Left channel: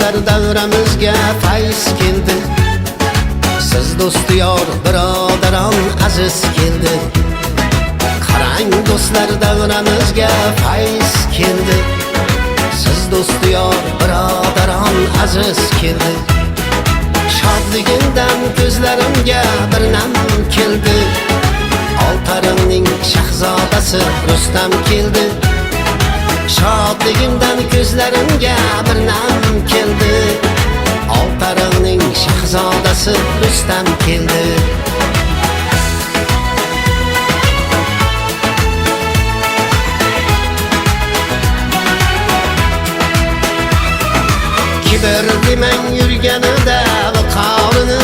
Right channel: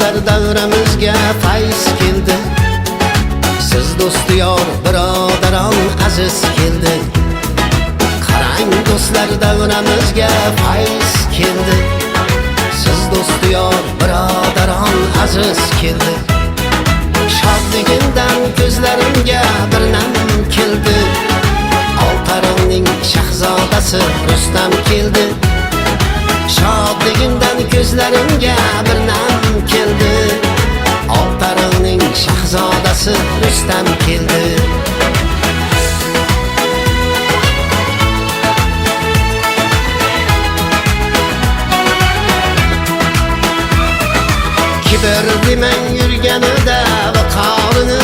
do'stlar davramizga fayz keldi. Siz do'sti yor birodaron aziz keldi. Qarang do'stlar davramizga fayz keldi. Siz do'sti yor birodaron aziz keldi. Shodligindan ko'zlarimga bir nam keldi. Oltaringning shahzodasi Rustam keldi. Shodligimdan ko'zlarimga bir nam keldi. Oltaringning shahzodasi Rustam keldi. Kibir demang yurganida viqorini,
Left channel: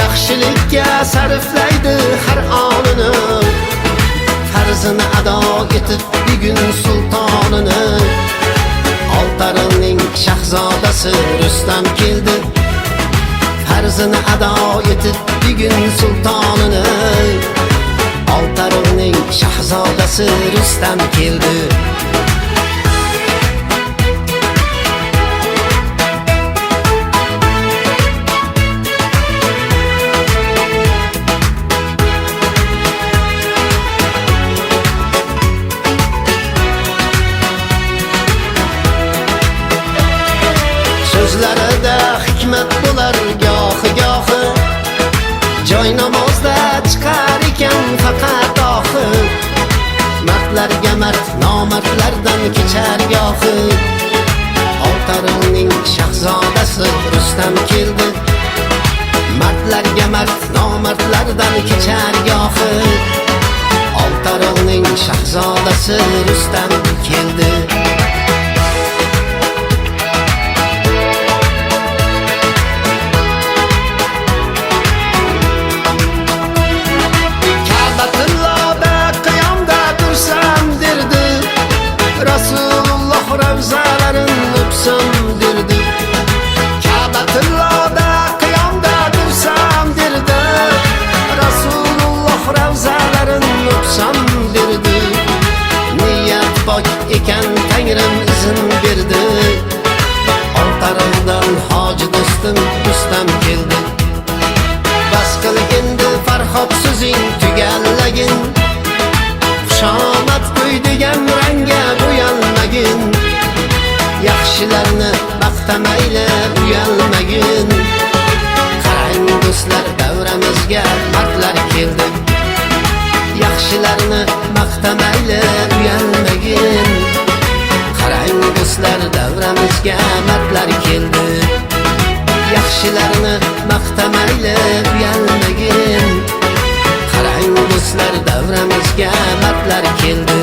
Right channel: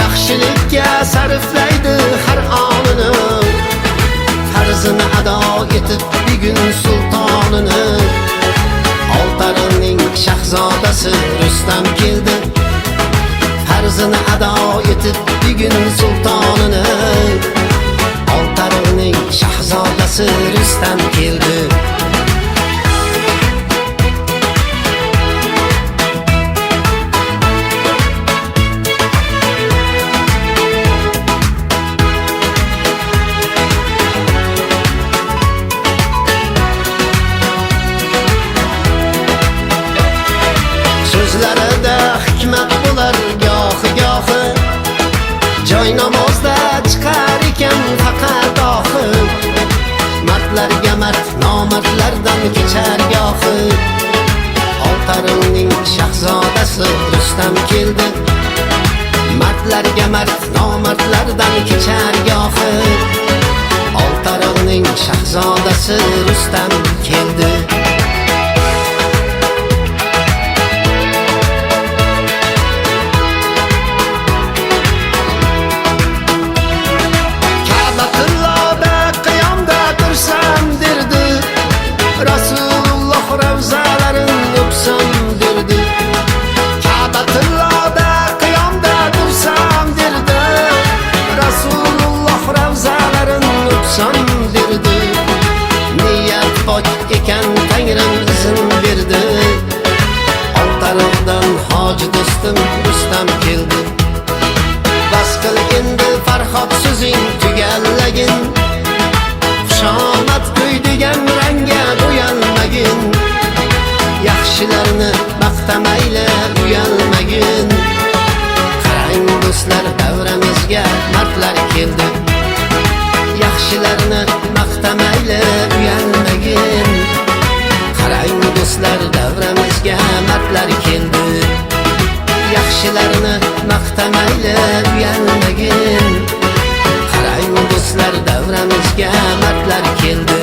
yaxshilikka sarflaydi har onini. Farzini ado etib bugun sultonini, Oltaringning shahzodasi Rustam keldi. Farzini ado etib bugun sultonini, Oltaringning shahzodasi Rustam keldi. Sözlərdə hikmət bular gohi-gohi, joy namozda chiqar ekan faqat ohi. Mardlarga mard, nomardlardan kechar gohi. Oltaringning shahzodasi Rustam keldi. Mardlarga mard, nomardlardan kechar gohi. Oltaringning shahzodasi Rustam keldi. Ka'batullohda qiyomda tursam derdi, Rasululloh ravzalarin o'psam derdi. Ka'batullohda qiyomda tursam derdi, Rasululloh ravzalarin o'psam derdi. Niyat pok ekan Tangrim izin berdi. Oltaringdan hoji do'stim Rustam keldi. Bas qil endi Farhod so'zing tugallagin. Xushomad to'y degan rangga bo'yalmagin. Yaxshilarni maqtamayli uyalmagin. Qarang do'stlar davramizga mardlar keldi. Yaxshilarni maqtamayli uyalmagin. Qarang do'stlar davramizga mardlar keldi. Yaxshilarni maqtamayli uyalmagin. Qarang do'stlar davramizga mardlar keldi.